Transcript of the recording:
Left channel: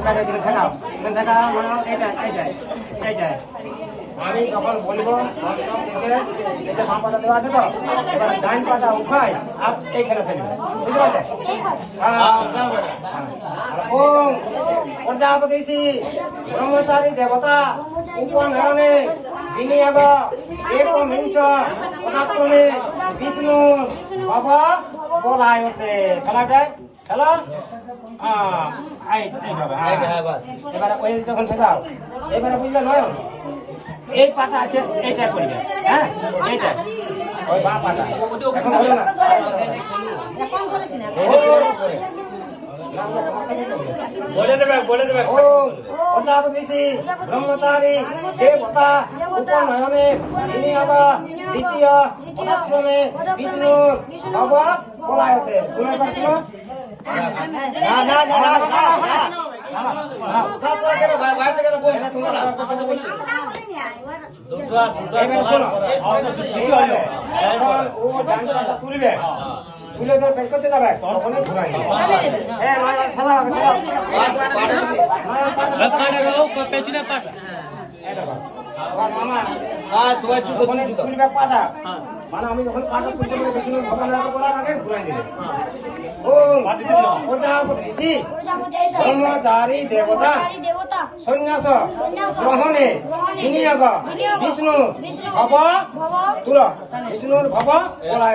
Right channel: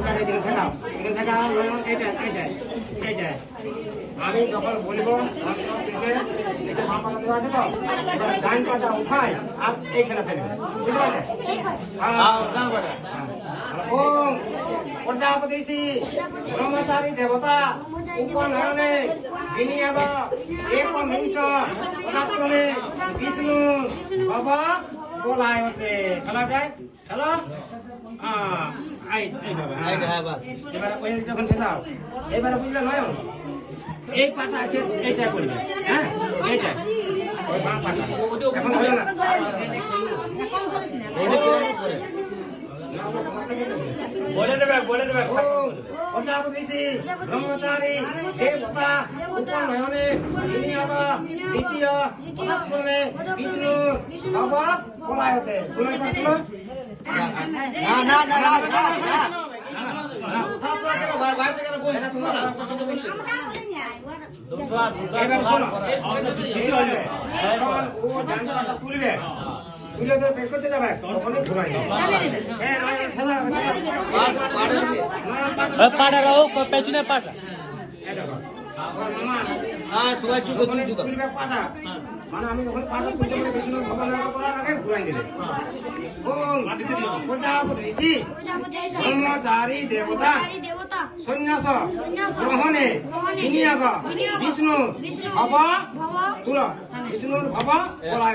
কাটে এখানে থাকা মানে এইটাই আমি যখন বলবো শেষে এটা বাম পাটা দেওয়া আছে তো এবার ডাইন পাটা উঠাই আর এইখানে ফেলবে বুঝতে পারলে ওম প্রজাপতিষি ব্রহ্মচারী দেবতা উপনয়নে বিনিয়োগ একমিংশ পদার্পণে বিষ্ণু ভব বলায়তে খেলাটায় খেলা এবারে ওই যখন শেষাও এবারে বুঝলে নয় এই পাটা আছে এইটা করবে হ্যাঁ এইটা ওই বা পাটা এখন হলো না বলে দেবে ও প্রজাপতিষি ব্রহ্মচারী দেবতা উপনয়নে বিনিয়োগ দ্বিতীয় পদার্পণে বিষ্ণু ভব বলায়তে তুলে তো পেট করতে যাবে তখন ঘুরাই পাটা মানে আমি যখন পাটা তুলতে ভগবান করার আগে ঘুরাই দিলে ও প্রজাপতিষি ব্রহ্মচারী দেবতা সন্ন্যাস গ্রহণে বিনিয়োগ বিষ্ণু ভব তুল বিষ্ণুর ভব বলা